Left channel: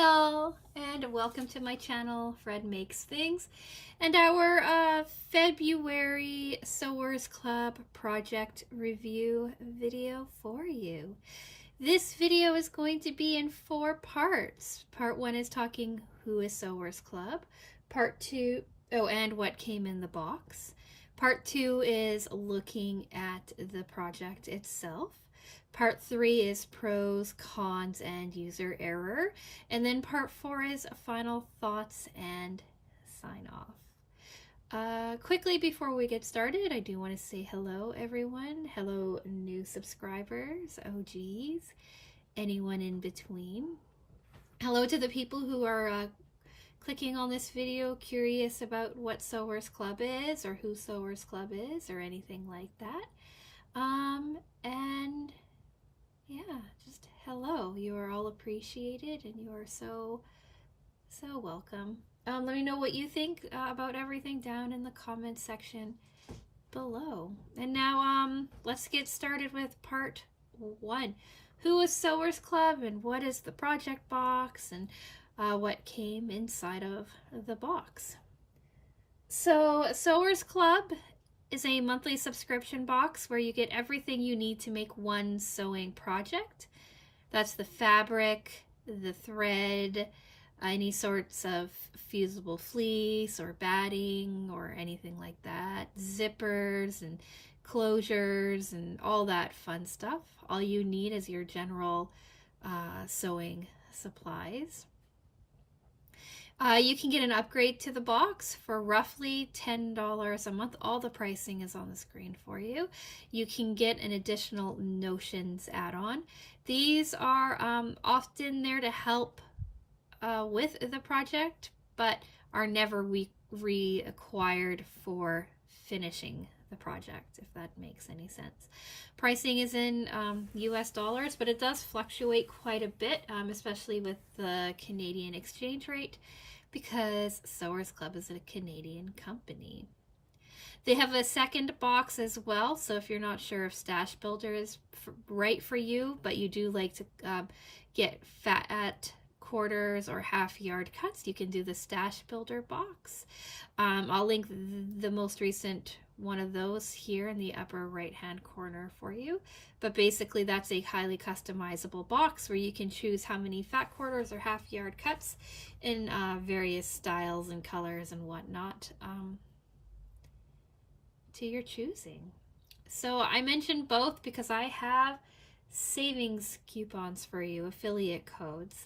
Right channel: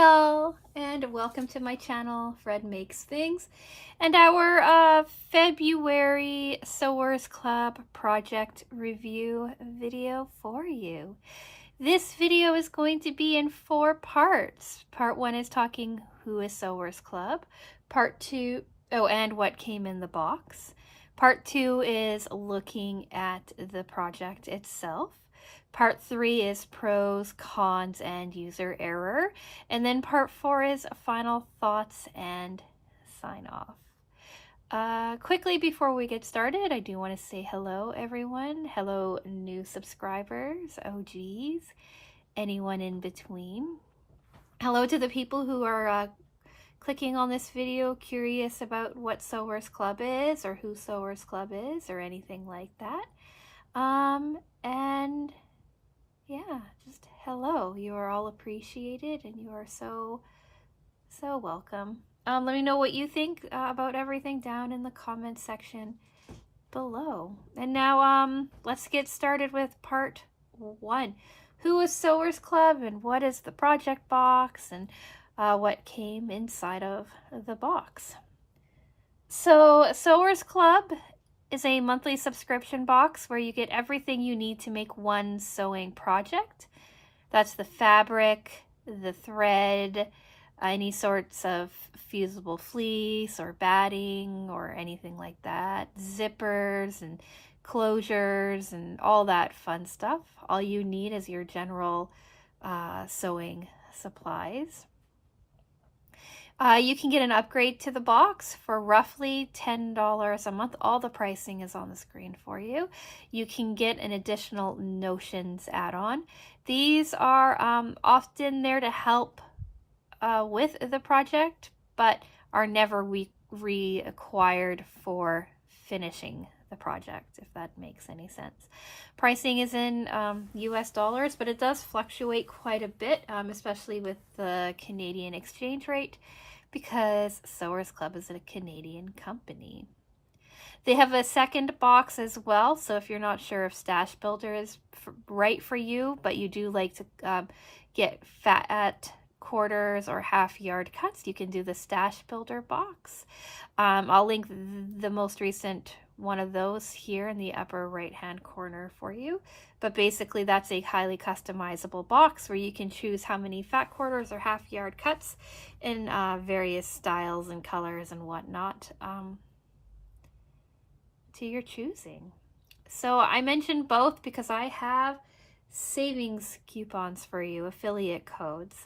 all, and welcome to my channel, Fred Makes Things, and our February Sewers Club project review video for you. This video is going to be in 4 parts. Part 1 is talking who is Sewers Club. Part 2, and what came in the box. Part 2 is looking at the project itself. Part 3 is pros, cons, and user error. And then part 4 is final thoughts and sign off. Quickly before we get started, I do want to say hello everyone. Hello new subscribers, OGs, anyone in between. Hello to the people who are clicking on this video curious about what Sewers Club is or who Sewers Club is or anything like that. And yeah, just hello. You are all appreciated and you are so welcome. Let me know what you think about everything down in the comment section below. And now let's get started with part 1. Who is Sewers Club and what is the project box and what came inside of the box. So Sewers Club is a monthly subscription box where you get everything you need to make one sewing project. That's the fabric, the thread, any sorts of fusible fleece or batting or anything like that, zippers and closures and all that fun stuff. All you need is your general sewing supplies. You can get an upgrade to the box for roughly $10 a month. All the pricing is on the screen for you. You can get an additional Notions add-on. These are often there to help with the project, but are never required for finishing the project, if that makes any sense. Pricing is in US dollars, but it does fluctuate quite a bit, especially with the Canadian exchange rate, because Sewers Club is a Canadian company. They have a second box as well, so if you're not sure if Stash Builder is right for you, but you do like to get fat quarters or half yard cuts, you can do the Stash Builder box. I'll link the most recent one of those here in the upper right hand corner for you, but basically that's a highly customizable box where you can choose how many fat quarters or half yard cuts in various styles and colors and whatnot to your choosing. So I mentioned both because I have savings coupons for you, affiliate codes.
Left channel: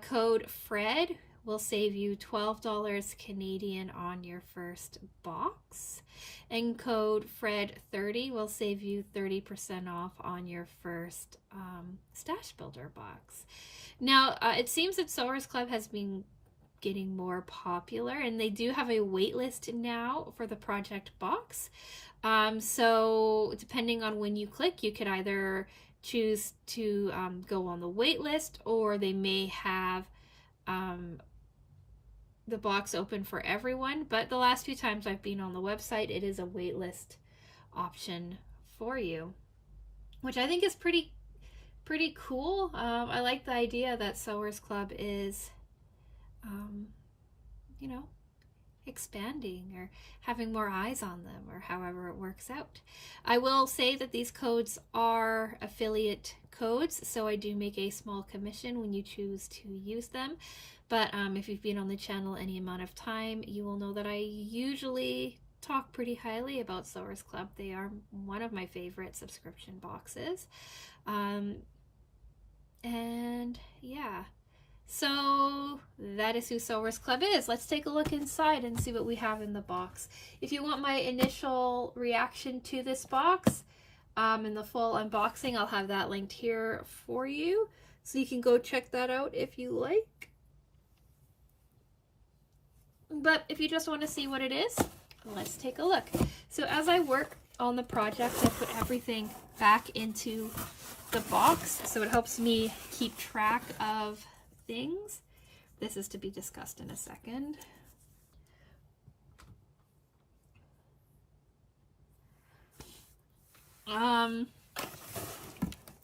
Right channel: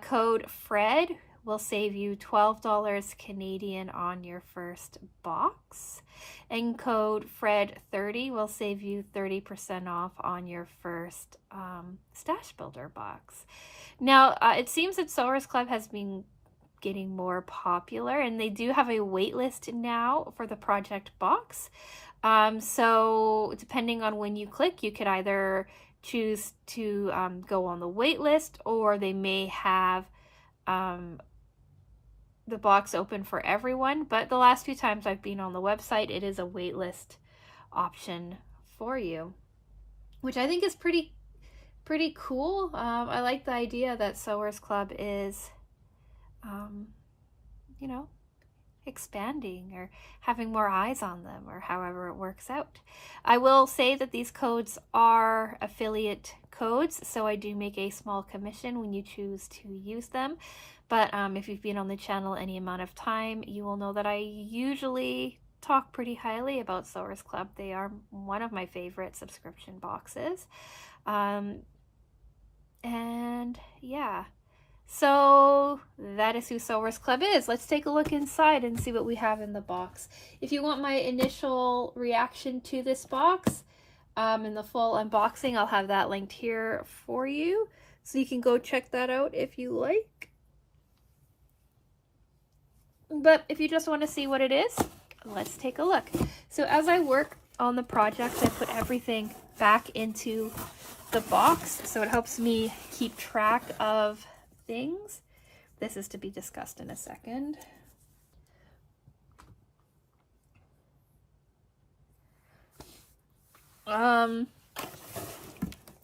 Code FRED will save you $12 Canadian on your first box, and code FRED30 will save you 30% off on your first Stash Builder box. Now, it seems that Sewers Club has been getting more popular, and they do have a wait list now for the project box. So depending on when you click, you could either choose to go on the wait list, or they may have the box open for everyone, but the last few times I've been on the website, it is a wait list option for you, which I think is pretty cool. I like the idea that Sewers Club is you know, expanding or having more eyes on them, or however it works out. I will say that these codes are affiliate codes, so I do make a small commission when you choose to use them. But if you've been on the channel any amount of time, you will know that I usually talk pretty highly about Sewers Club. They are one of my favorite subscription boxes. And yeah. So that is who Sewers Club is. Let's take a look inside and see what we have in the box. If you want my initial reaction to this box and the full unboxing, I'll have that linked here for you, so you can go check that out if you like. But if you just want to see what it is, let's take a look. So as I work on the project, I put everything back into the box, so it helps me keep track of things. This is to be discussed in a second.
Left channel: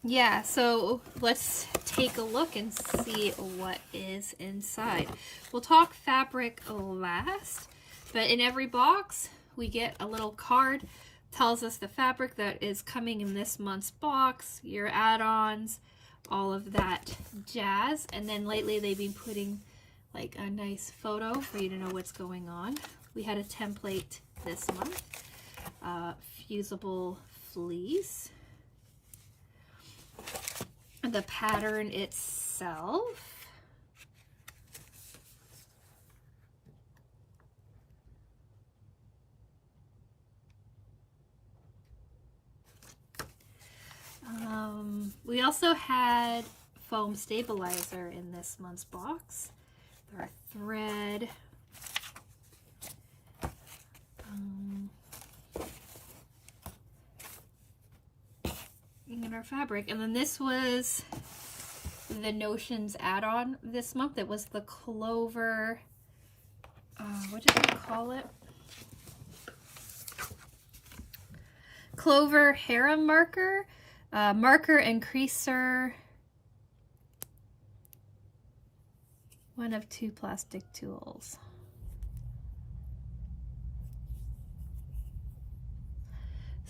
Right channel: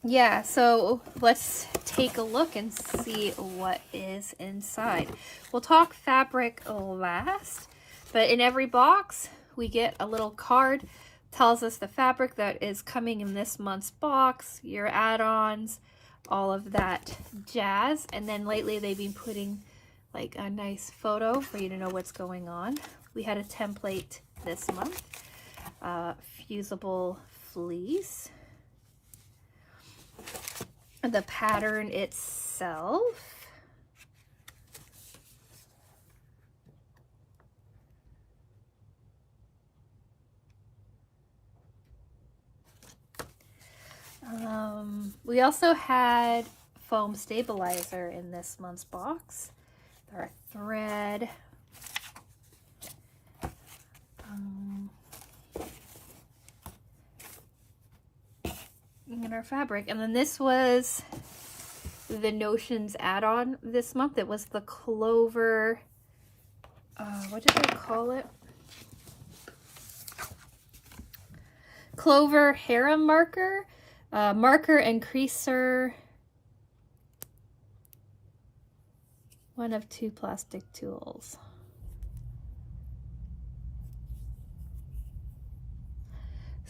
Yeah, so let's take a look and see what is inside. We'll talk fabric last, but in every box we get a little card, tells us the fabric that is coming in this month's box, your add-ons, all of that jazz. And then lately they've been putting like a nice photo for you to know what's going on. We had a template this month, fusible fleece. The pattern itself, we also had foam stabilizer in this month's box. Our thread, and our fabric. And then this was the Notions add-on this month. It was the Clover, what did they call it? Clover Harem marker, marker and creaser, one of 2 plastic tools.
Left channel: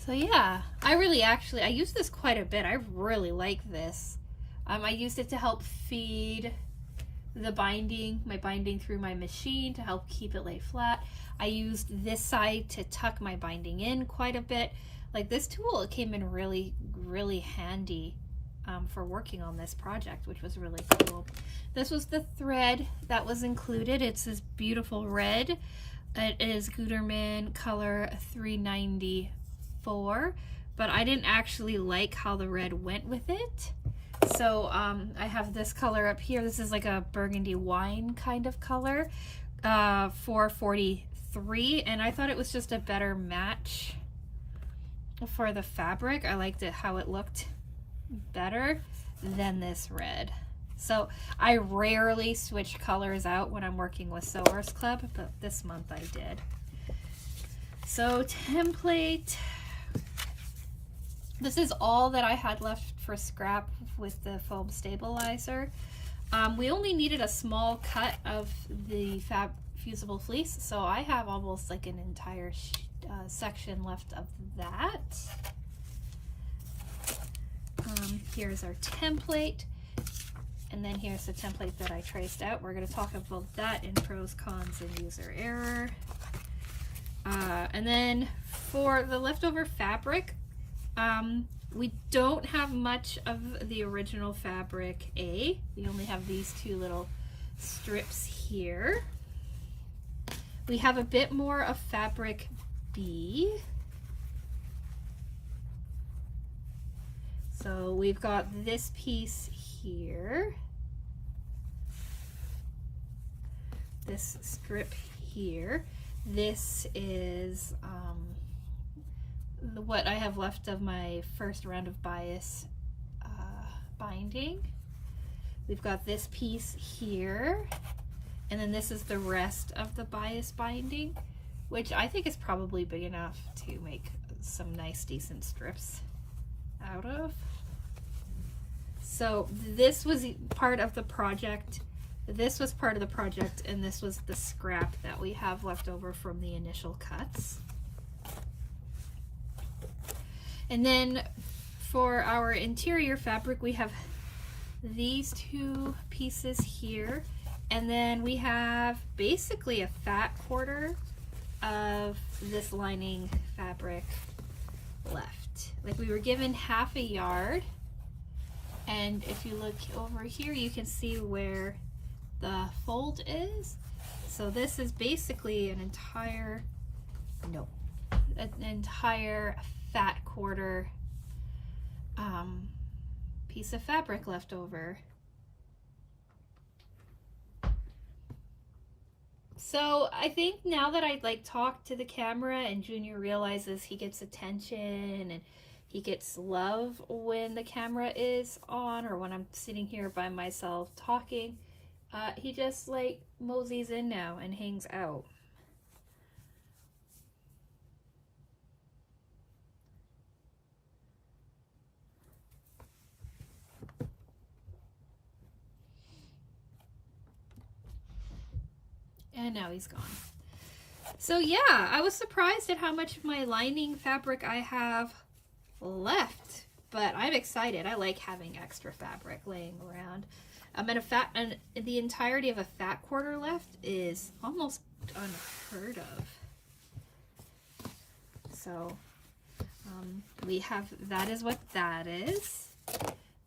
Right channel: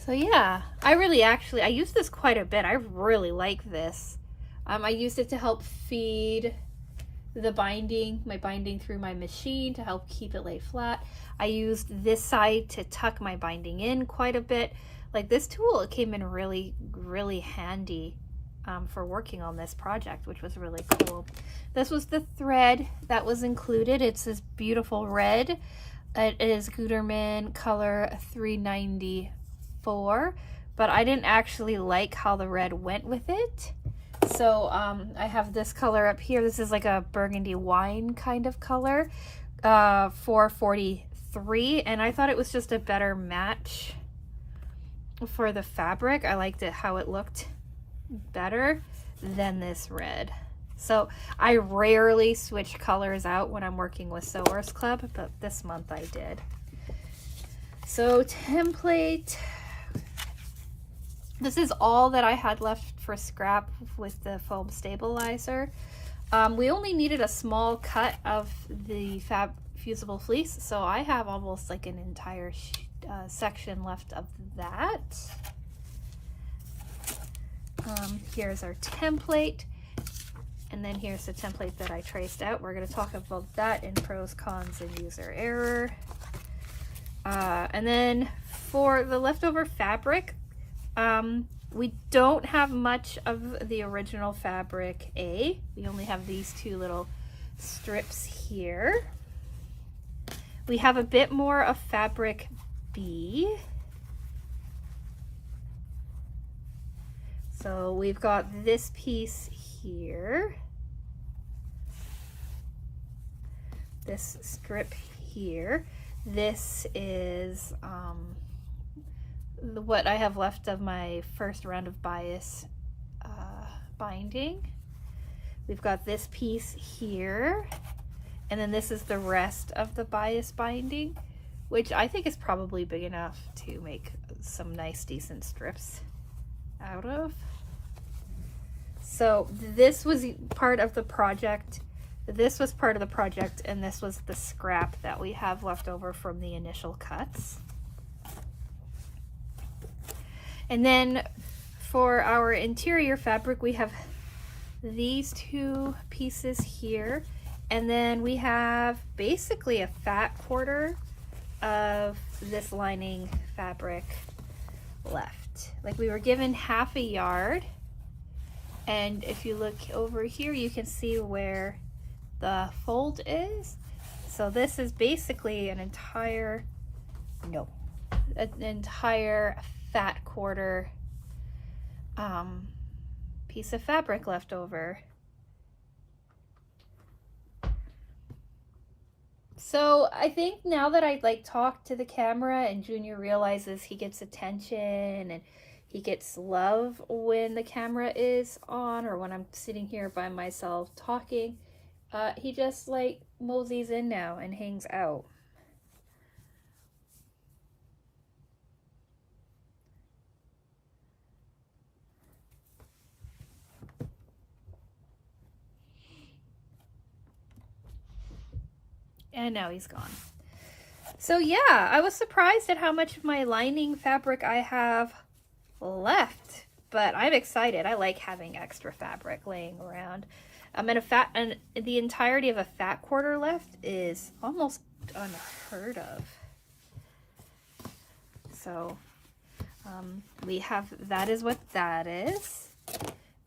So yeah, I use this quite a bit. I really like this. I used it to help feed the binding, my binding through my machine to help keep it lay flat. I used this side to tuck my binding in quite a bit. Like this tool, it came in really, really handy for working on this project, which was really cool. This was the thread that was included. It's this beautiful red. It is Gutermann color 394, but I didn't actually like how the red went with it. So I have this color up here. This is like a burgundy wine kind of color, 443, and I thought it was just a better match for the fabric. I liked it how it looked better than this red. So I rarely switch colors out when I'm working with Sewers Club, but this month I did. So template, this is all that I had left for scrap with the foam stabilizer. We only needed a small cut of the fusible fleece, so I have almost like an entire section left of that. Here's our template, and then here's the template that I traced out. We're going to talk about that in pros, cons, and user error. And then for the leftover fabric, we don't have much of the original fabric A. We only have these 2 little strips here. We have a bit more of fabric B. So we've got this piece here, this strip here. This is what I have left of my first round of bias binding. We've got this piece here, and then this is the rest of the bias binding, which I think is probably big enough to make some nice decent strips out of. So this was part of the project. This was part of the project, and this was the scrap that we have left over from the initial cuts. And then for our interior fabric, we have these 2 pieces here, and then we have basically a fat quarter of this lining fabric left. Like we were given half a yard, and if you look over here, you can see where the fold is. So this is basically an entire fat quarter piece of fabric left over. So I think now that I like talk to the camera and Junior realizes he gets attention and he gets love when the camera is on or when I'm sitting here by myself talking, he just like moseys in now and hangs out. And now he's gone. So yeah, I was surprised at how much of my lining fabric I have left, but I'm excited. I like having extra fabric laying around. And the entirety of a fat quarter left is almost unheard of. So we have, that is what that is.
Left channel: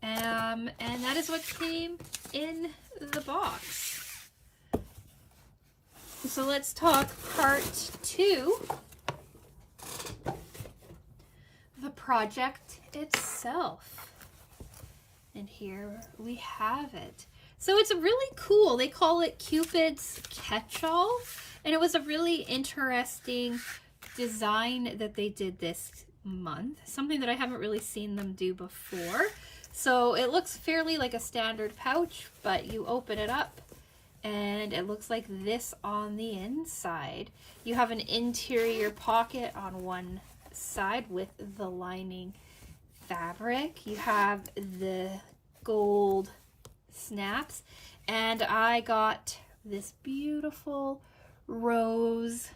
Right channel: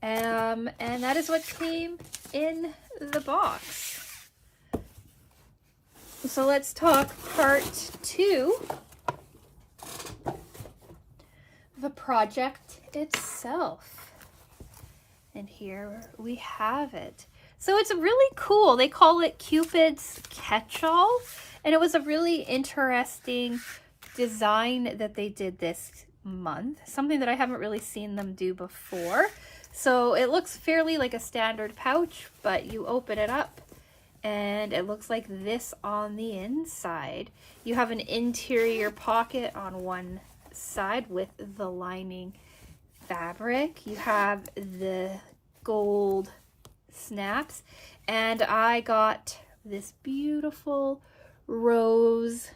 And that is what came in the box. So let's talk part 2, the project itself. And here we have it. So it's really cool. They call it Cupid's Catch-All, and it was a really interesting design that they did this month, something that I haven't really seen them do before. So it looks fairly like a standard pouch, but you open it up and it looks like this on the inside. You have an interior pocket on one side with the lining fabric. You have the gold snaps, and I got this beautiful rose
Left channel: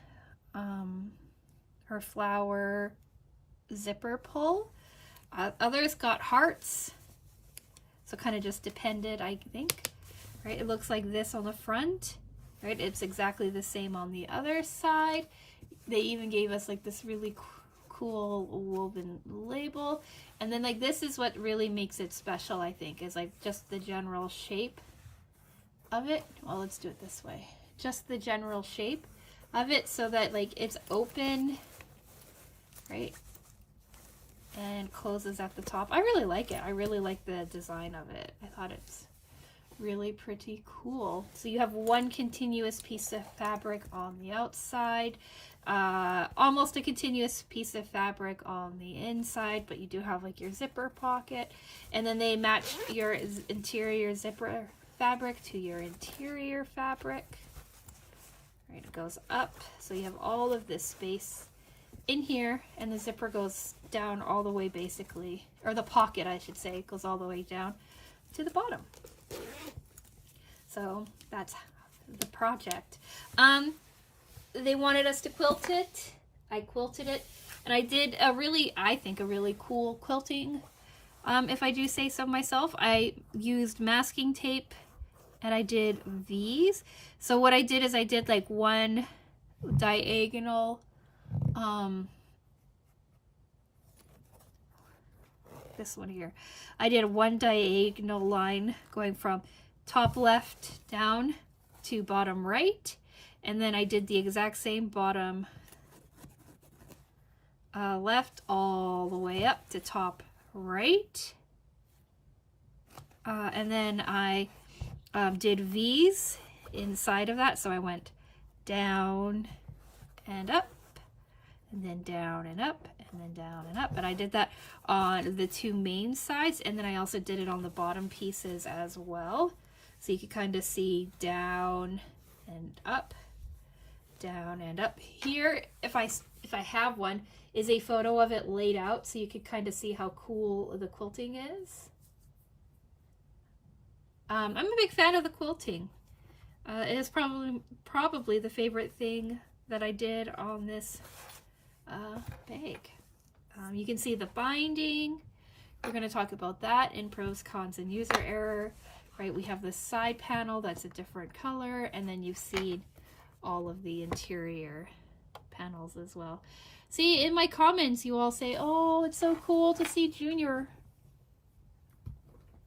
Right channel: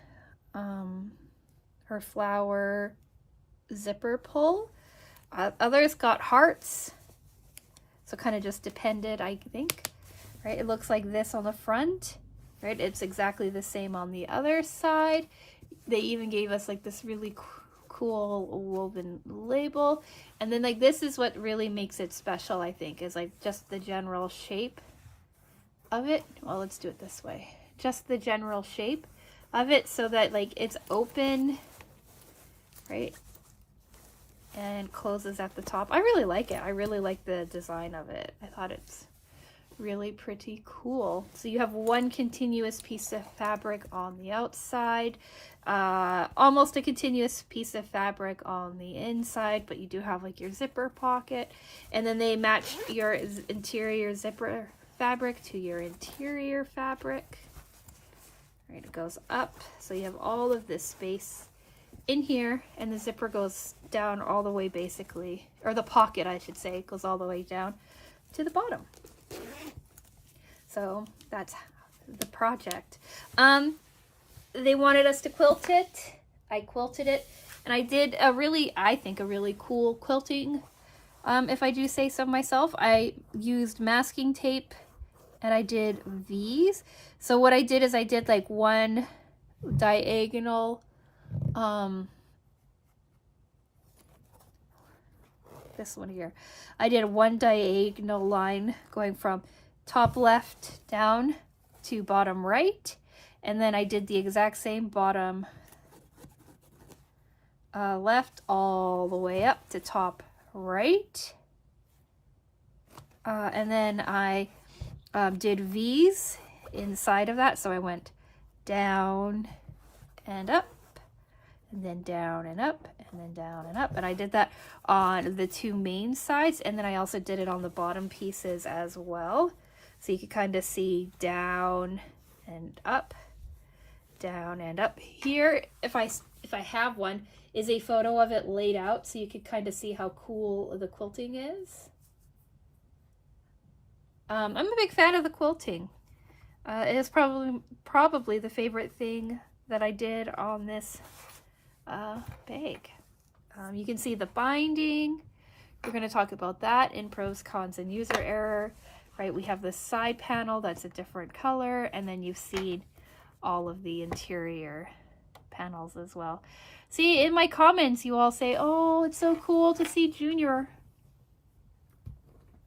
or flower zipper pull. Others got hearts, so kind of just depended, I think. Right, it looks like this on the front, right? It's exactly the same on the other side. They even gave us like this really cool woven label, and then like this is what really makes it special, I think, is like just the general shape of it. Well, let's do it this way. Just the general shape of it, so that like it's open, right, and closes at the top. I really like it. I really like the design of it. I thought it's really pretty cool. So you have one continuous piece of fabric on the outside, almost a continuous piece of fabric on the inside, but you do have like your zipper pocket, and then they match your interior zipper fabric to your interior fabric. Right, it goes up, so you have all of this space in here, and the zipper goes down all the way, basically, or the pocket, I should say, goes all the way down to the bottom. So that's the project. They wanted us to quilt it. I quilted it, and I did I think a really cool quilting, if I do say so myself. I used masking tape, and I did V's. So what I did is I did like one diagonal, this one here. I did one diagonal line going from top left down to bottom right, and then I did the exact same bottom left all the way up to top right, and then I did V's inside of that, so I went down and up, and then down and up, and then down and up, and I did that on the two main sides, and then I also did it on the bottom pieces as well, so you can kind of see down and up, down and up. Here, if I have one, is a photo of it laid out, so you could kind of see how cool the quilting is. I'm a big fan of the quilting. It is probably the favorite thing that I did on this bag. You can see the binding. We're going to talk about that in pros, cons, and user error. Right, we have the side panel that's a different color, and then you've seen all of the interior panels as well. See, in my comments, you all say, oh, it's so cool to see Junior.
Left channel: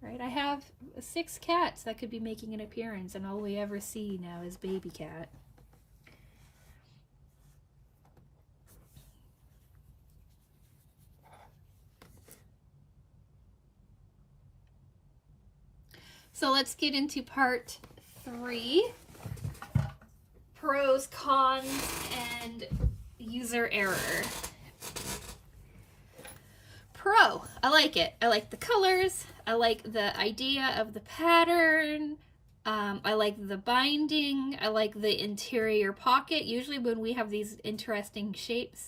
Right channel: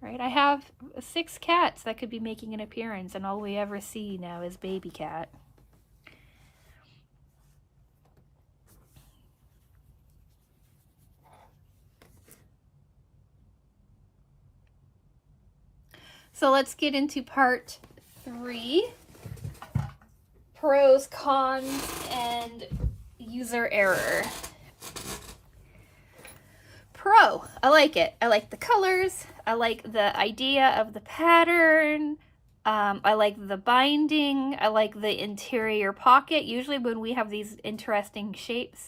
Right, I have 6 cats that could be making an appearance, and all we ever see now is baby cat. So let's get into part 3, pros, cons, and user error. Pro, I like it. I like the colors. I like the idea of the pattern. I like the binding. I like the interior pocket. Usually when we have these interesting shapes,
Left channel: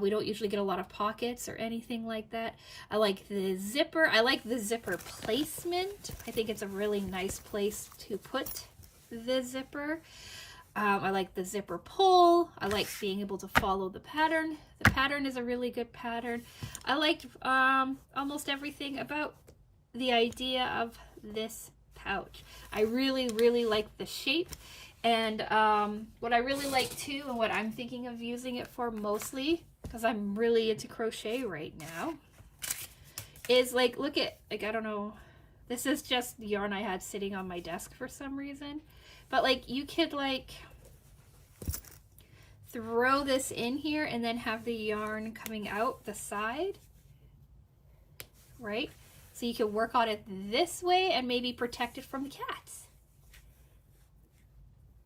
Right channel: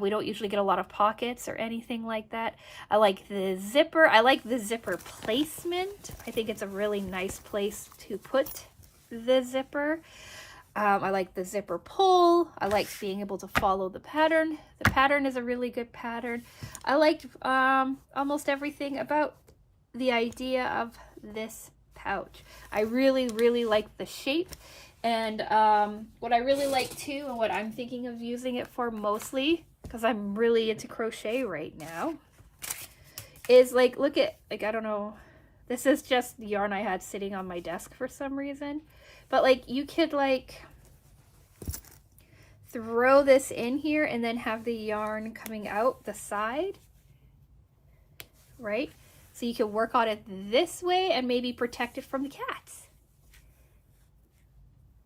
we don't usually get a lot of pockets or anything like that. I like the zipper. I like the zipper placement. I think it's a really nice place to put the zipper. I like the zipper pull. I like being able to follow the pattern. The pattern is a really good pattern. I liked almost everything about the idea of this pouch. I really, really like the shape. And what I really like too, and what I'm thinking of using it for mostly, because I'm really into crochet right now, is like, look at, like, I don't know, this is just the yarn I had sitting on my desk for some reason. But like, you could like throw this in here and then have the yarn coming out the side, right? So you can work on it this way and maybe protect it from the cats.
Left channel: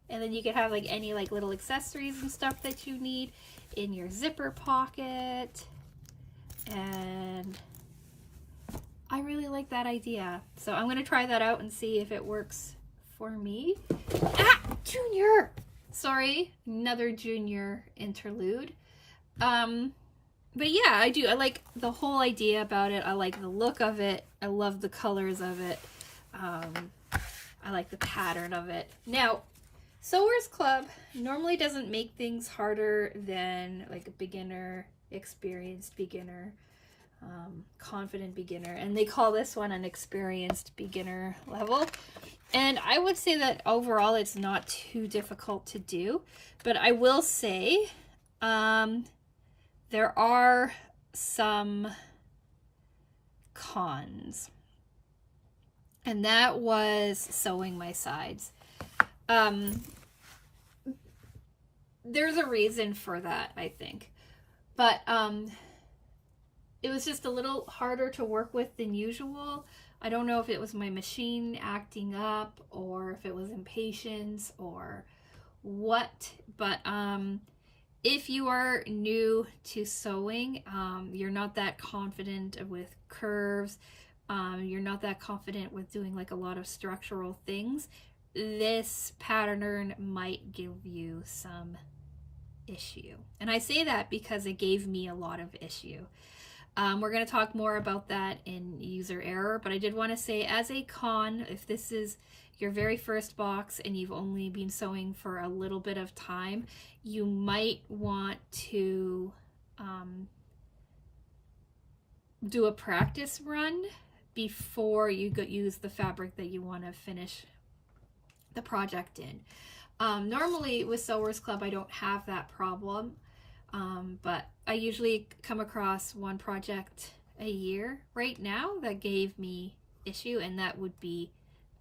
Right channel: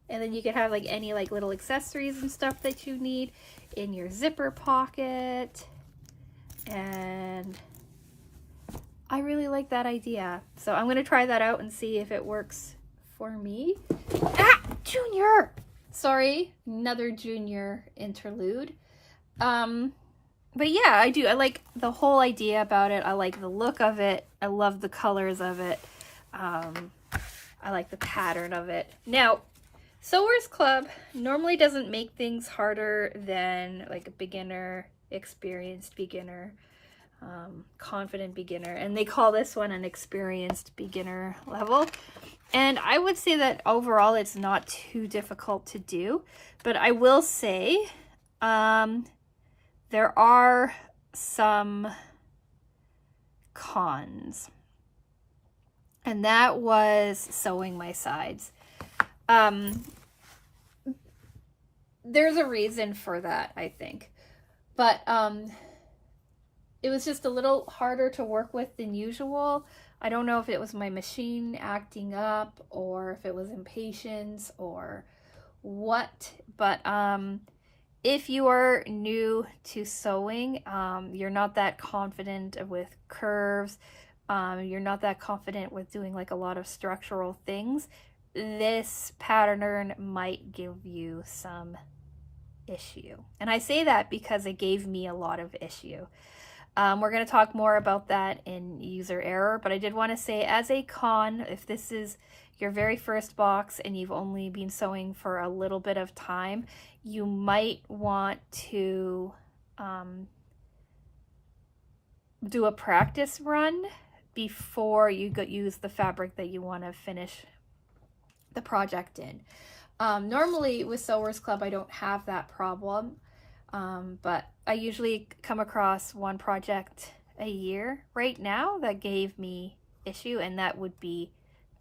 And then you could have like any like little accessories and stuff that you need in your zipper pocket. And I really like that idea. So I'm gonna try that out and see if it works for me. Ah, Junior! Sorry, another Junior interlude. But yeah, I do. I like the whole idea about it. I like the look of it. I love the colors of it. I like the pattern of it. Now, Sewers Club normally doesn't make things harder than like a beginner, experienced beginner, confident beginner, and they call this one an experienced beginner level. And I would say that overall it's not too difficult to do, but I will say there are some cons, and that was sewing my sides. There's a reason for that, I think, but it was just a little harder to work with than usual. I don't know if it was my machine acting up or if it was impatience or what, but if you are new to sewing, you're not that confident with curves, you're not that confident with doing like a lot of structural things, this pattern might give you some issue. And I say that because it gave me a lot of issue. We're going to talk more about that in user error, but I did want to say as a con, if this is your very first box and you've only been sewing for a little bit of time, you might want to do a practice run before you use the fabric that you want to finish the project in. Normally with Sewers Club I don't have that problem, but I usually come across one project a year right now that gave me issue, and that would be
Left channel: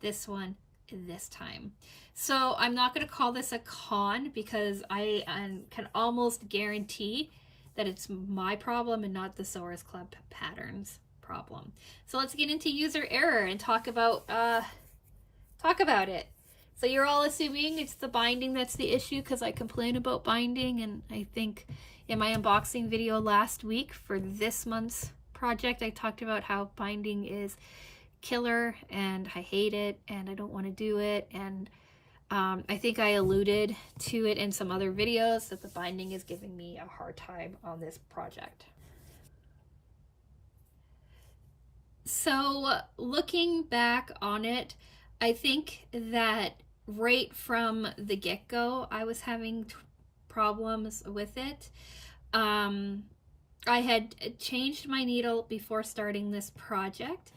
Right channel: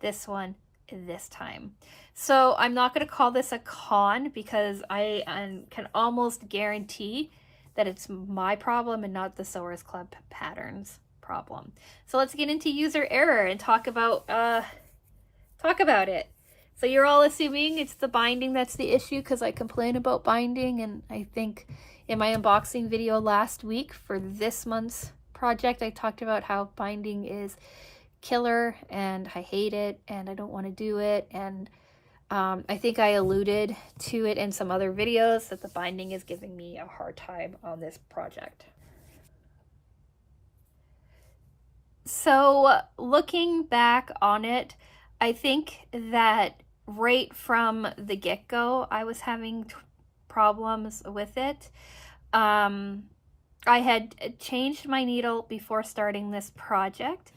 this one this time. So I'm not going to call this a con because I can almost guarantee that it's my problem and not the Sewers Club patterns problem. So let's get into user error and talk about it. So you're all assuming it's the binding that's the issue because I complain about binding, and I think in my unboxing video last week for this month's project I talked about how binding is killer and I hate it and I don't want to do it, and I think I alluded to it in some other videos that the binding is giving me a hard time on this project. So looking back on it, I think that right from the get-go I was having problems with it. I had changed my needle before starting this project.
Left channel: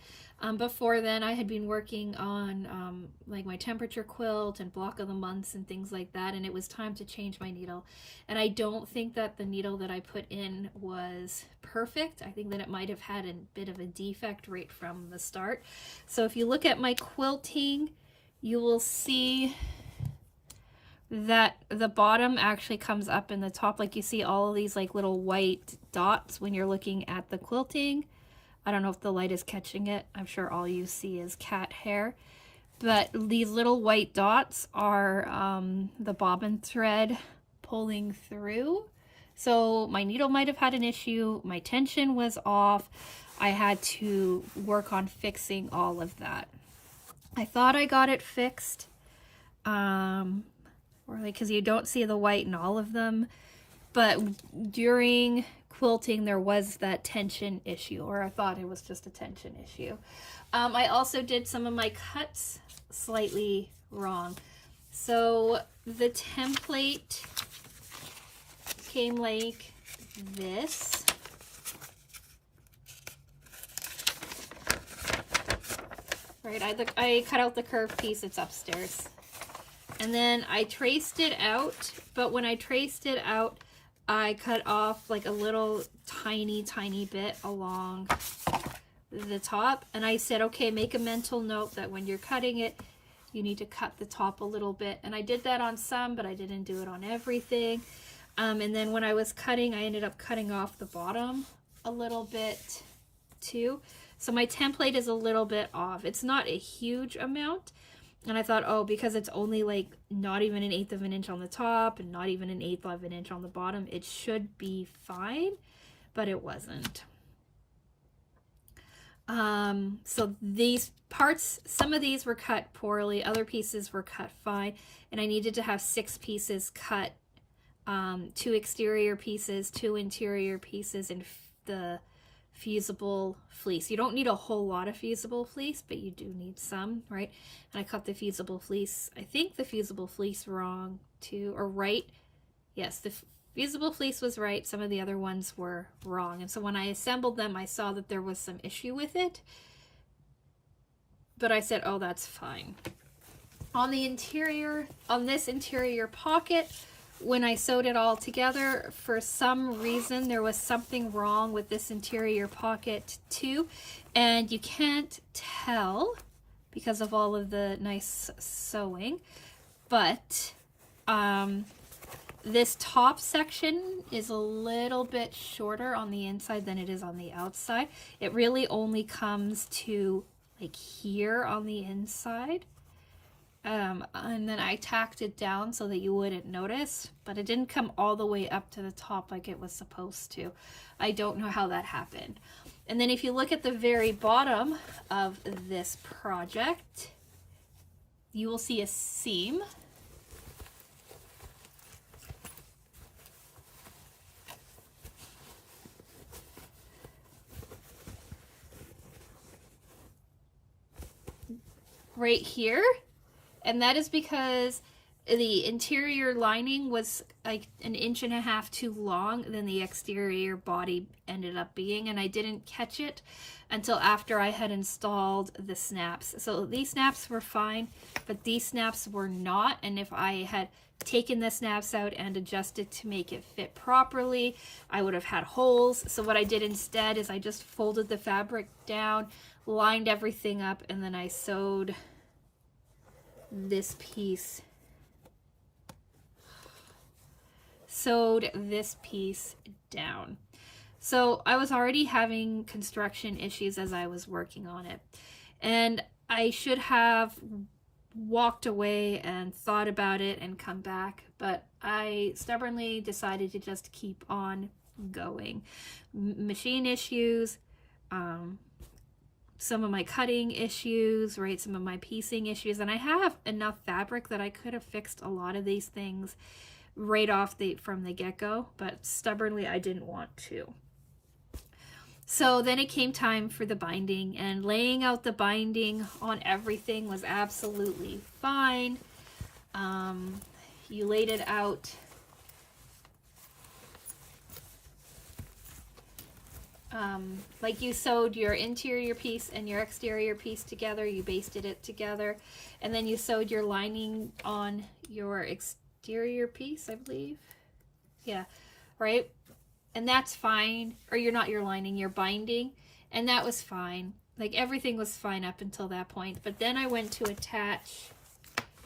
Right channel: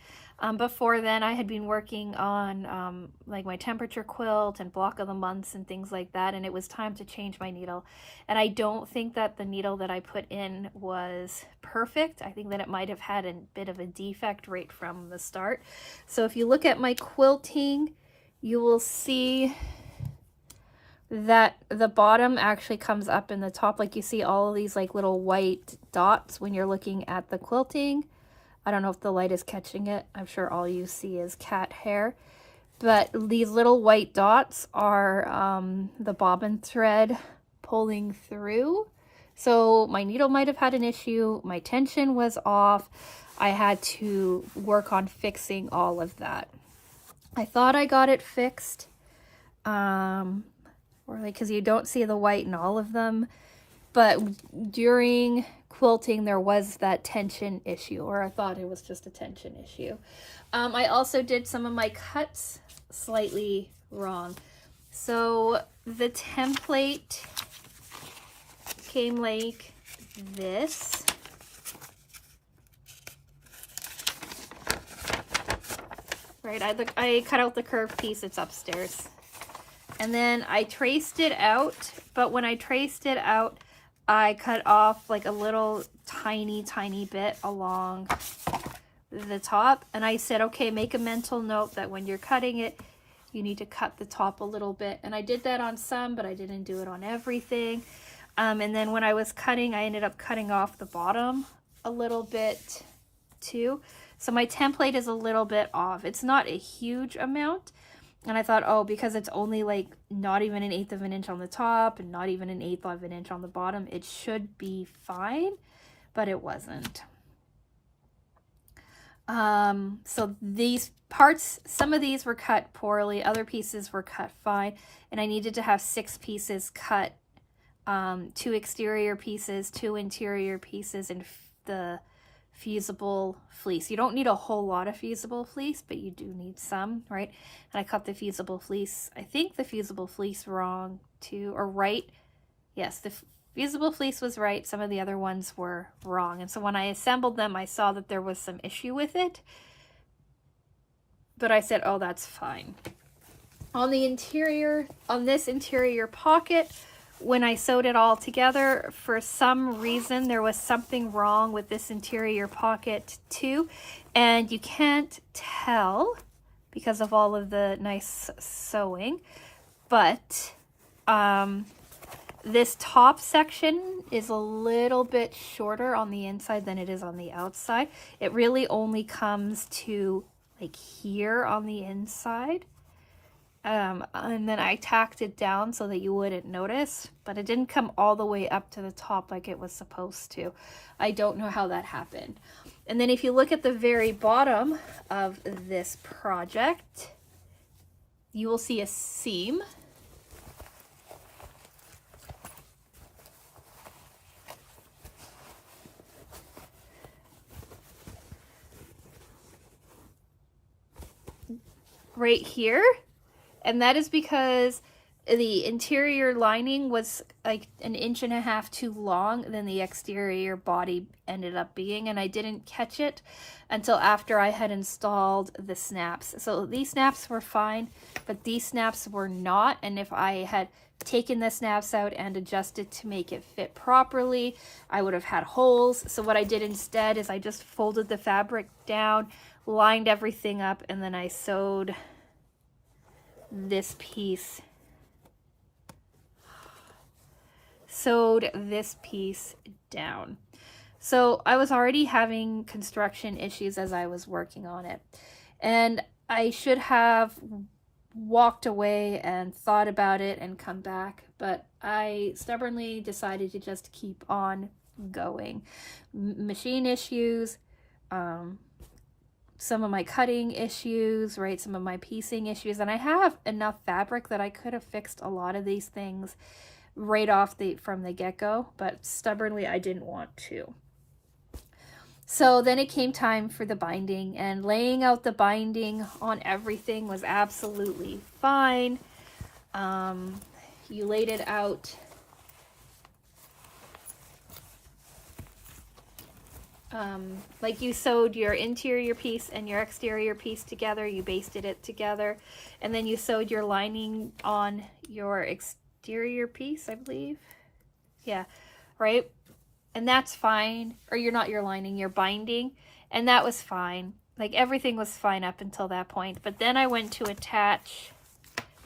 Before then I had been working on like my temperature quilt and block of the months and things like that, and it was time to change my needle. And I don't think that the needle that I put in was perfect. I think that it might have had a bit of a defect right from the start. So if you look at my quilting, you will see that the bottom actually comes up in the top. Like you see all of these like little white dots when you're looking at the quilting. I don't know if the light is catching it. I'm sure all you see is cat hair. But these little white dots are the bobbin thread pulling through. So my needle might have had an issue. My tension was off. I had to work on fixing all of that. I thought I got it fixed. Or like, because you don't see the white in all of them. But during quilting there was that tension issue, or I thought it was just a tension issue. I also did some of my cuts slightly wrong. So the template came like this. Right, I cut out the curved piece, it's upstairs. And then I traced it out, but when I traced it out, I cut off like a little tiny bit along the top. And I said, okay, make a mental note that when you're cutting it, you need to cut the top a little bit. And I did that on some, but I didn't do it on everything. And then when I was cutting, I ended up cutting off the bottom a little bit too. So my template is a little bit off. It's not a huge amount. And I thought, oh, because it's only like not even 1/8 of an inch on the top and not even 1/8 of an inch on the bottom, it should be fine, but it wasn't. So these parts, some of these were cut poorly, other pieces were cut fine, and I needed to have 6 pieces cut, 2 exterior pieces, 2 interior pieces, and the fusible fleece. You don't need a whole lot of fusible fleece, but you do need some, right? And I cut the fusible fleece, I think the fusible fleece wrong too, or right. Yes, the fusible fleece was right. Some of the other ones were wrong. And so when I assembled them, I saw that there was some issue with it, but I said, oh, that's fine. On the interior, on this interior pocket, when I sewed it all together, for some reason there was something wrong with this interior pocket too, and you can't tell because of all of the nice sewing, but this top section is a little bit shorter on the inside than it is on the outside. It really only comes to like here on the inside. And then I tacked it down so that you wouldn't notice, but it didn't come all the way up to the top like it was supposed to. I don't know how that happened. And then if you look at the very bottom of this project, you will see a seam. Right here. And that is because the interior lining was like 1.5 inches too long than the exterior body ended up being, and I didn't catch it until after I had installed the snaps. So these snaps were fine, but these snaps were not, and if I had taken the snaps out and adjusted to make it fit properly, I would have had holes. So what I did instead is I just folded the fabric down, lined everything up, and then I sewed this piece down. So I was already having construction issues as I was working on it, and I should have walked away and thought about it and come back, but I stubbornly decided to just keep on going. Machine issues, some of my cutting issues, right? Some of my piecing issues, and I have enough fabric that I could have fixed a lot of these things right off from the get-go, but stubbornly I didn't want to. So then it came time for the binding, and laying out the binding on everything was absolutely fine. You laid it out like you sewed your interior piece and your exterior piece together, you basted it together, and then you sewed your lining on your exterior piece, I believe. Yeah, right? And that's fine. Or you're not your lining, your binding, and that was fine. Like everything was fine up until that point. But then I went to attach,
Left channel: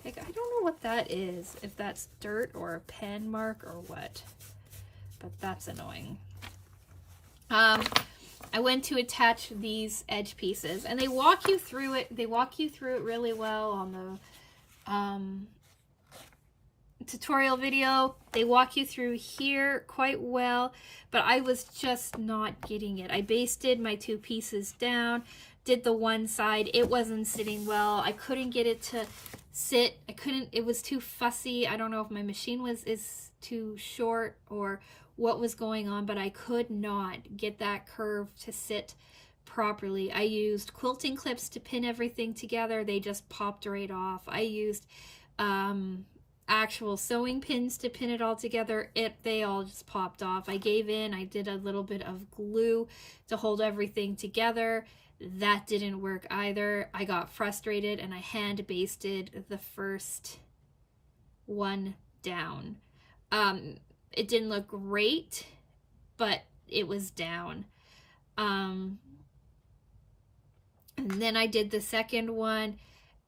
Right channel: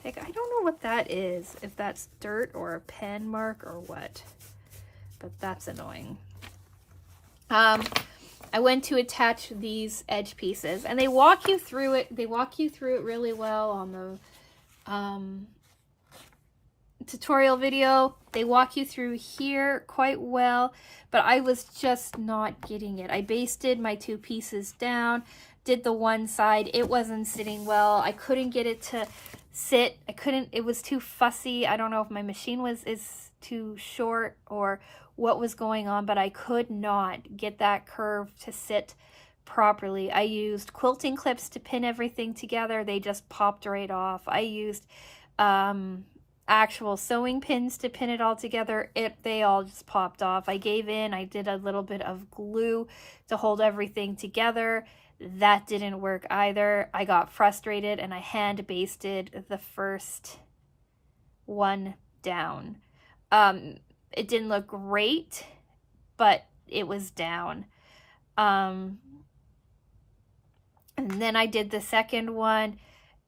like, I don't know what that is, if that's dirt or a pen mark or what, but that's annoying. I went to attach these edge pieces, and they walk you through it. They walk you through it really well on the tutorial video. They walk you through here quite well, but I was just not getting it. I basted my 2 pieces down, did the one side. It wasn't sitting well. I couldn't get it to sit. It was too fussy. I don't know if my machine is too short or what was going on, but I could not get that curve to sit properly. I used quilting clips to pin everything together. They just popped right off. I used actual sewing pins to pin it all together, they all just popped off. I gave in. I did a little bit of glue to hold everything together. That didn't work either. I got frustrated and I hand basted the first one down. It didn't look great, but it was down. And then I did the second one.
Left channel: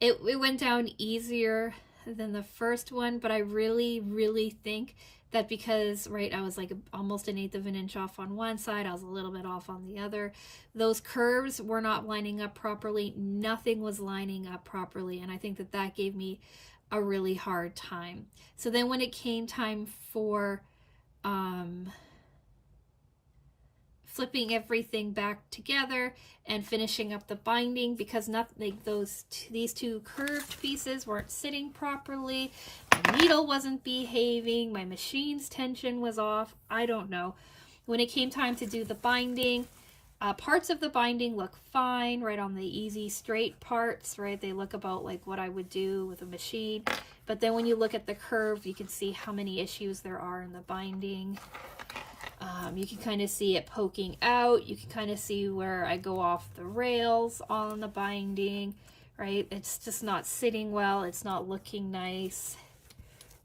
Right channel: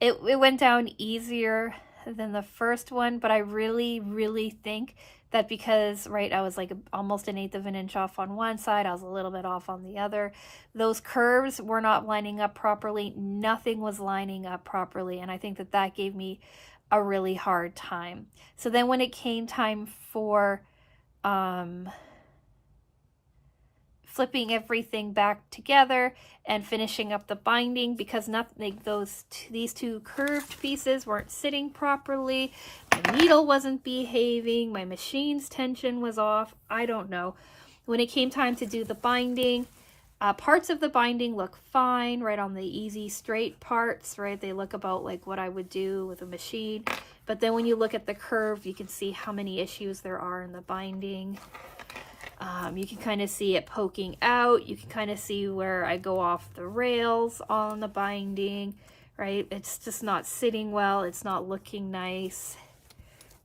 It went down easier than the first one, but I really think that because, right, I was like almost 1/8 of an inch off on one side, I was a little bit off on the other. Those curves were not lining up properly. Nothing was lining up properly, and I think that that gave me a really hard time. So then when it came time for flipping everything back together and finishing up the binding, because nothing, these two curved pieces weren't sitting properly, my needle wasn't behaving, my machine's tension was off, I don't know. When it came time to do the binding, parts of the binding look fine, right, on the easy straight parts, right, they look about like what I would do with a machine. But then when you look at the curve, you can see how many issues there are in the binding. You can kind of see it poking out. You can kind of see where I go off the rails on the binding, right? It's just not sitting well. It's not looking nice,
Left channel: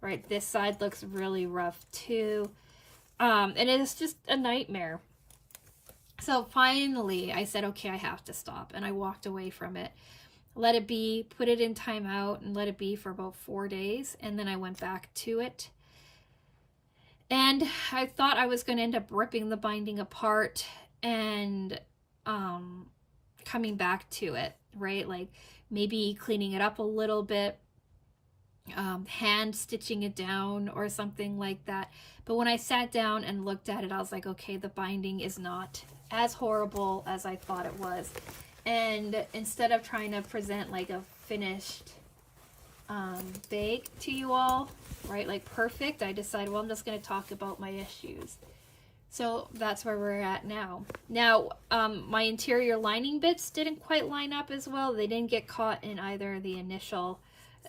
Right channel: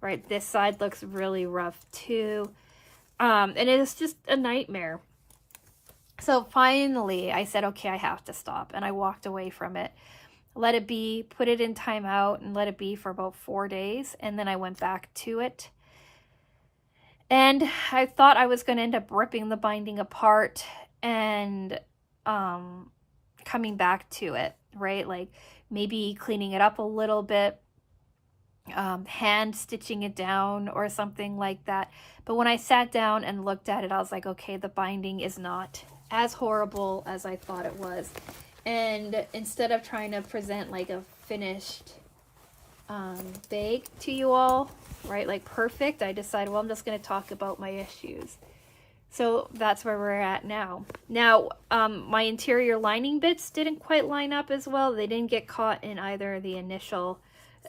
right? This side looks really rough too. And it is just a nightmare. So finally I said, okay, I have to stop. And I walked away from it, let it be, put it in timeout and let it be for about 4 days. And then I went back to it. And I thought I was going to end up ripping the binding apart and coming back to it, right? Like maybe cleaning it up a little bit, hand stitching it down or something like that. But when I sat down and looked at it, I was like, okay, the binding is not as horrible as I thought it was. And instead of trying to present like a finished bag to you all, right, like perfect, I decided, well, I'm just going to talk about my issues. So that's where we're at now. Now, my interior lining bits didn't quite line up as well. They didn't get caught in either the initial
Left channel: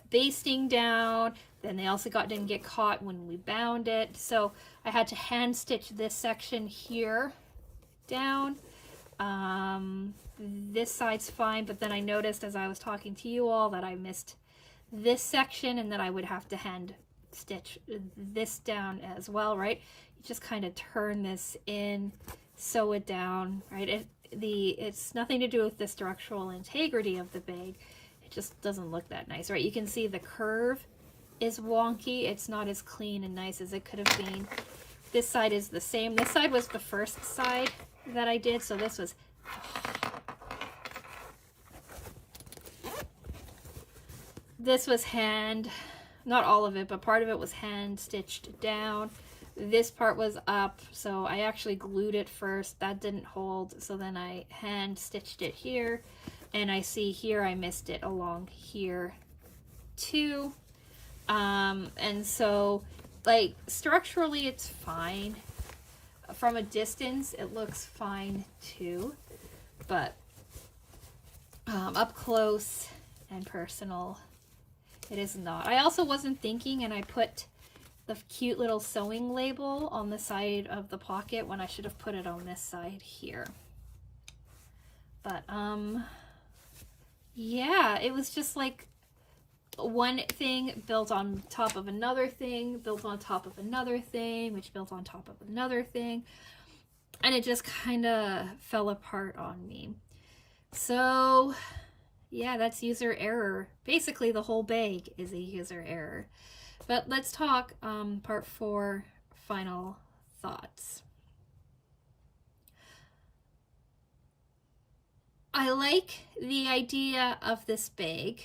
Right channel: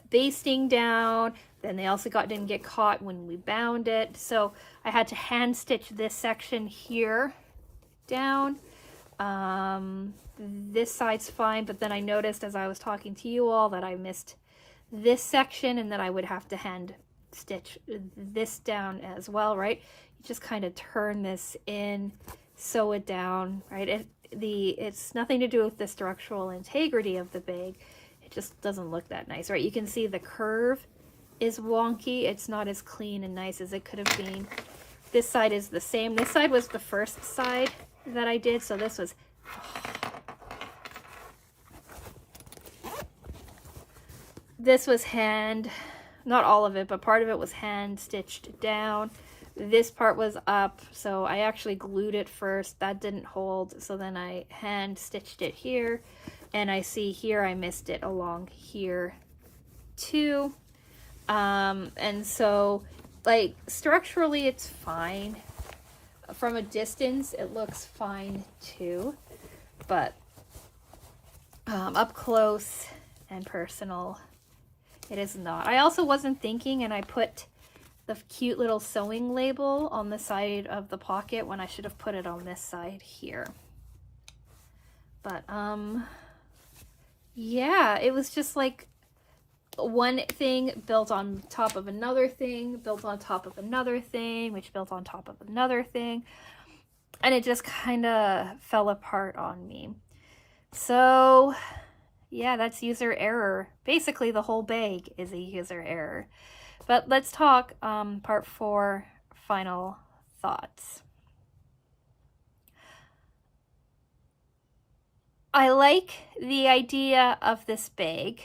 basting down, then they also didn't get caught when we bound it. So I had to hand stitch this section here down. This side's fine, but then I noticed as I was talking to you all that I missed this section and that I would have to hand stitch this down as well, right? You just kind of turn this in, sew it down, right? It's nothing to do with the structural integrity of the bag. It just doesn't look that nice, right? You can see the curve is wonky. It's not as clean and nice as it could have been. This side is the same. This side was the first side that I did, so this was hand, not all of it, but part of it was hand stitched down. This part was up, so I actually glued it first. That didn't hold, so then I hand stitched it here, and I see here I missed it along here too. And so like structurally it's fine. From a distance it looks fine too, but up close and personal it is not. I also wasn't thinking, and I put the cute little sewing label on the side of the pocket when I should have put it on this side here. But yeah, it was just like one thing built on top of another thing, built on top of another thing, which built on top of another thing, and it just kind of fell apart on me. So yeah, that's user error. Basically the whole bag is a user error. But let's talk part 4, final thoughts. I like the idea of this bag.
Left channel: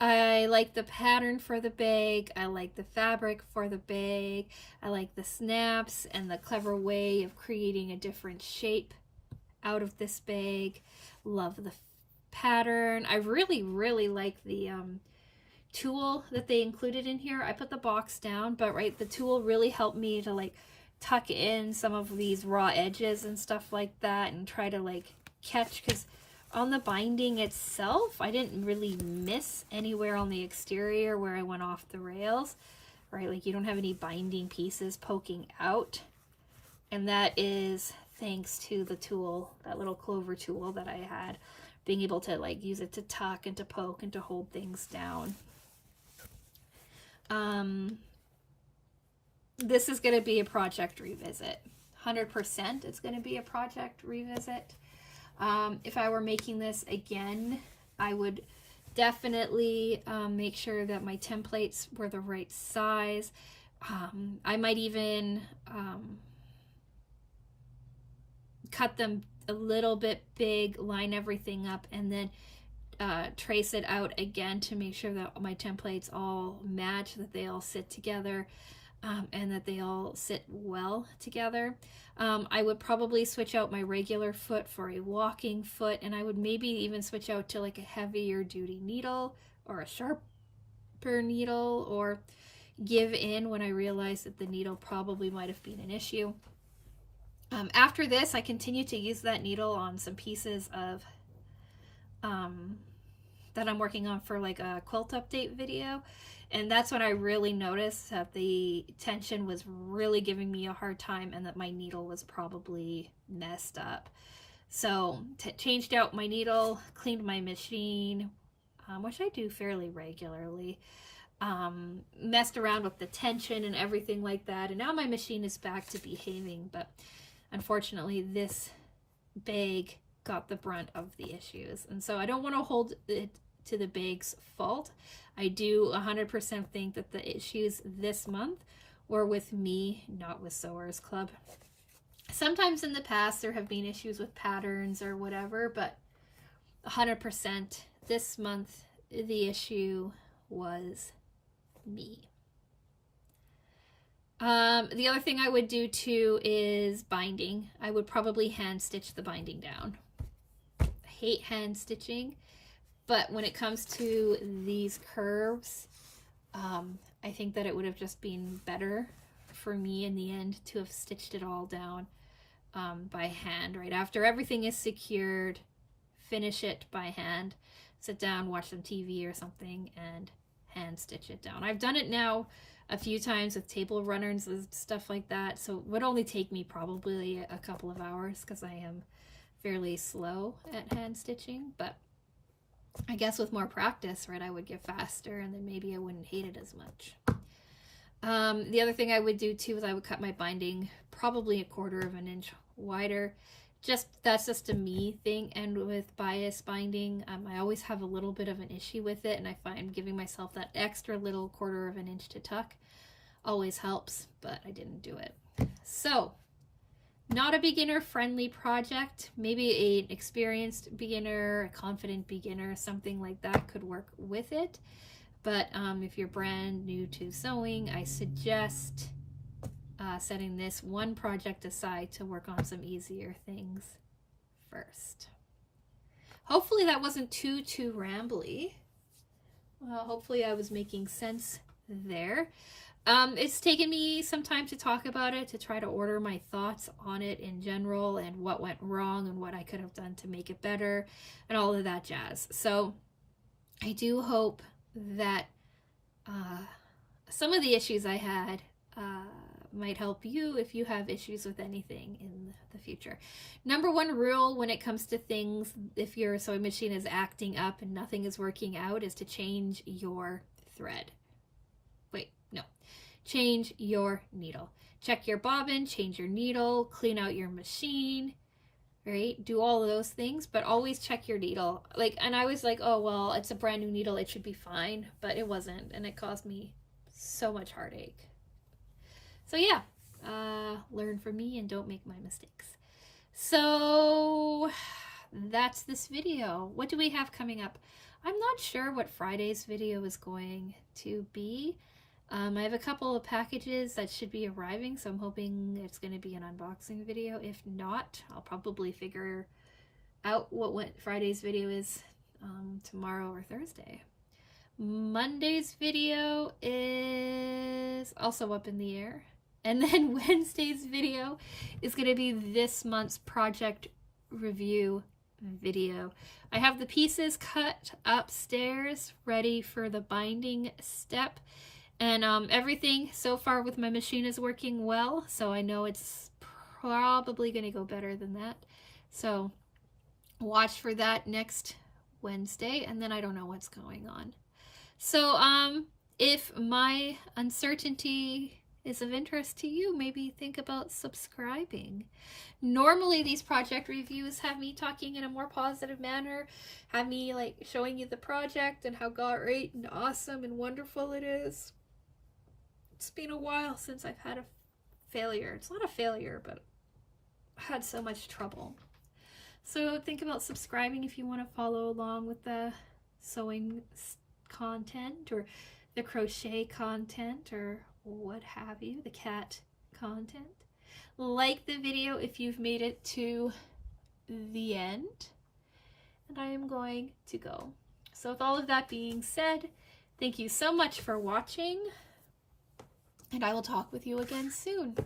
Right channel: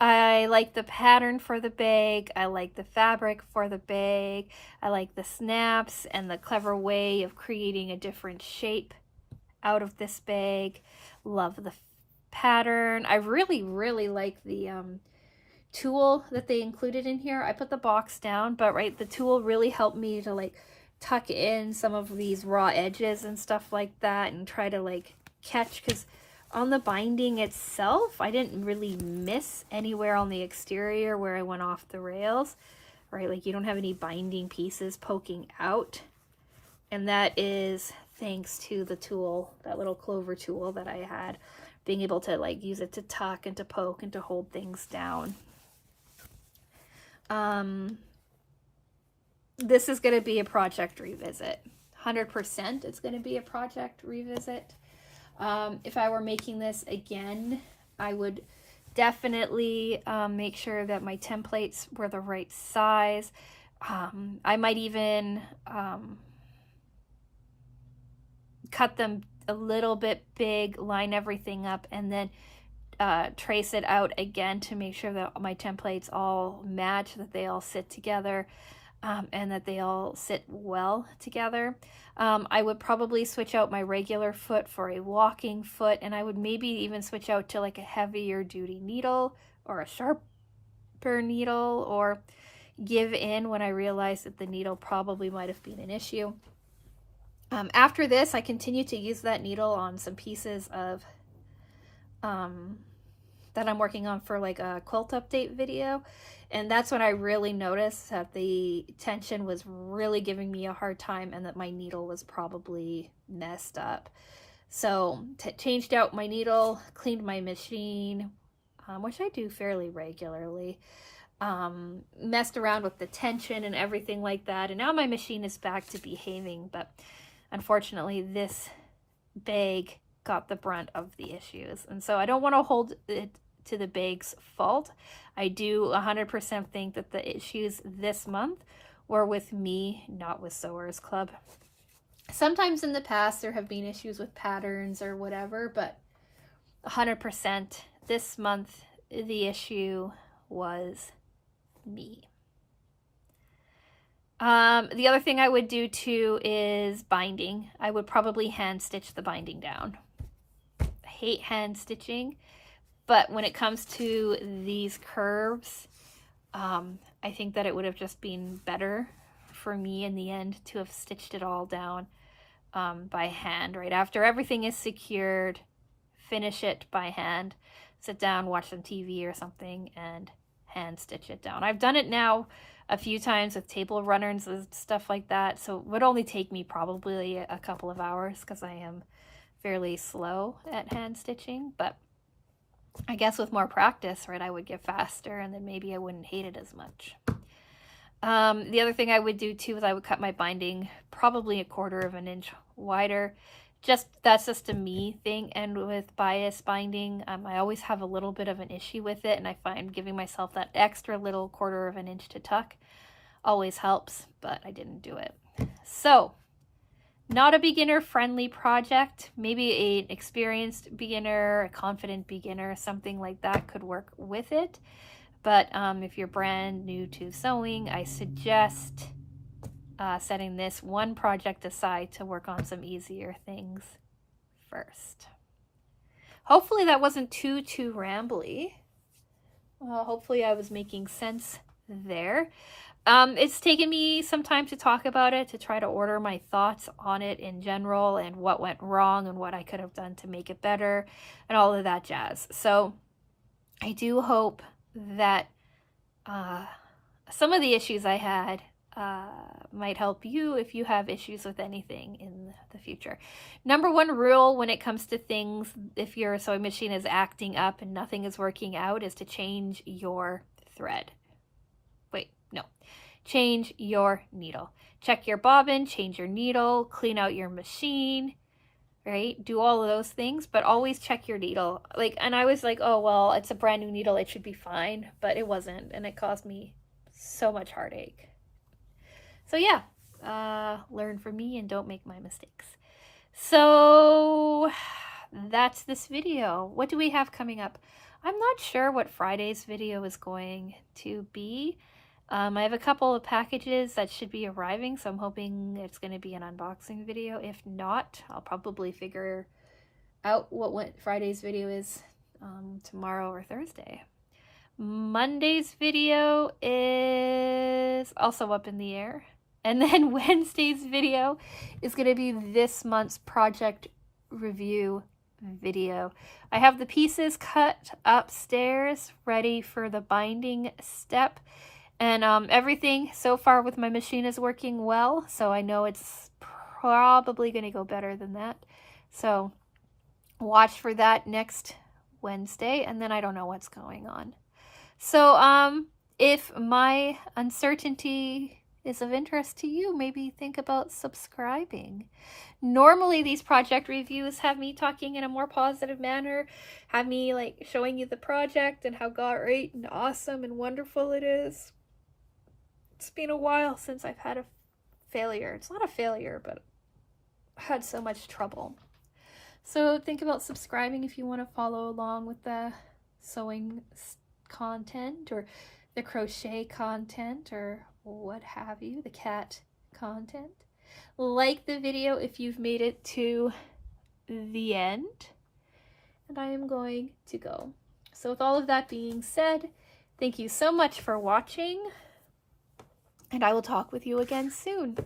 I like the pattern for the bag. I like the fabric for the bag. I like the snaps and the clever way of creating a different shape out of this bag. Love the pattern. I really like the tool that they included in here. I put the box down, but right, the tool really helped me to like tuck in some of these raw edges and stuff like that and try to like catch, because On the binding itself, I didn't really miss anywhere on the exterior where I went off the rails, right? Like you don't have any binding pieces poking out. And that is thanks to the tool, that little clover tool that I had, being able to like use it to tuck and to poke and to hold things down. This is going to be a project revisit. 100% it's going to be a project revisit. If I were making this again, I would definitely make sure that my templates were the right size. I might even cut them a little bit big, line everything up, and then trace it out again to make sure that my templates all match, that they all sit together, and that they all sit well together. I would probably switch out my regular foot for a walking foot, and I would maybe even switch out to like a heavier duty needle or a sharper needle, or give in when I realized that the needle probably might have been an issue. After this, I continued to use that needle on some pieces of that I'm working on for like a quilt update video, and that's when I really noticed that the tension was really giving me a hard time and that my needle was probably messed up. So changed out my needle, cleaned my machine, which I do fairly regularly, messed around with the tension and everything like that, and now my machine is back to behaving. But unfortunately, this bag got the brunt of the issues, and so I don't want to hold it to the bag's fault. I do 100% think that the issues this month were with me, not with Sewers Club. Sometimes in the past there have been issues with patterns or whatever, but 100% this month the issue was me. The other thing I would do too is binding. I would probably hand stitch the binding down. I hate hand stitching, but when it comes to these curves, I think that it would have just been better for me in the end to have stitched it all down by hand, right? After everything is secured, finish it by hand, sit down, watch some TV or something, and hand stitch it down. I've done it now a few times with table runners and stuff like that, so it would only take me probably a couple of hours because I am fairly slow at hand stitching. But I guess with more practice, right, I would get faster, and then maybe I wouldn't hate it as much. The other thing I would do too is I would cut my binding probably 1/4 of an inch wider. That's just a me thing. And with bias binding, I always have a little bit of an issue with it, and I find giving myself that extra little 1/4 of an inch to tuck always helps, but I didn't do it. So not a beginner friendly project. Maybe an experienced beginner, a confident beginner, something like that could work with it. But if you're brand new to sewing, I suggest setting this one project aside to work on some easier things first. Hopefully that wasn't too rambly. Hopefully I was making sense there. It's taken me some time to talk about it, to try to order my thoughts on it in general and what went wrong and what I could have done to make it better and all of that jazz. So I do hope that some of the issues I had might help you if you have issues with anything in the future. Number one rule when it comes to things, if your sewing machine is acting up and nothing is working out, is to change your thread. Change your needle. Check your bobbin, change your needle, clean out your machine, right? Do all of those things, but always check your needle. And I was like, oh, well, it's a brand new needle, it should be fine, but it wasn't, and it caused me so much heartache. So yeah, learn from me and don't make my mistakes. So that's this video. What do we have coming up? I'm not sure what Friday's video is going to be. I have a couple of packages that should be arriving, so I'm hoping it's going to be an unboxing video. If not, I'll probably figure out what Friday's video is tomorrow or Thursday. Monday's video is also up in the air. And then Wednesday's video is going to be this month's project review video. I have the pieces cut upstairs, ready for the binding step. And everything so far with my machine is working well, so I know it's probably going to go better than that. So watch for that next Wednesday, and then I don't know what's going on. So if my uncertainty is of interest to you, maybe think about subscribing. Normally these project reviews have me talking in a more positive manner, have me like showing you the project and how great and awesome and wonderful it is. It's been a while since I've had a failure. It's not a failure, but I had so much trouble. So think about subscribing if you want to follow along with the sewing content or the crochet content or what have you, the cat content. Like the video if you've made it to the end. And I am going to go. So with all of that being said, thank you so much for watching, and I will talk with you again soon.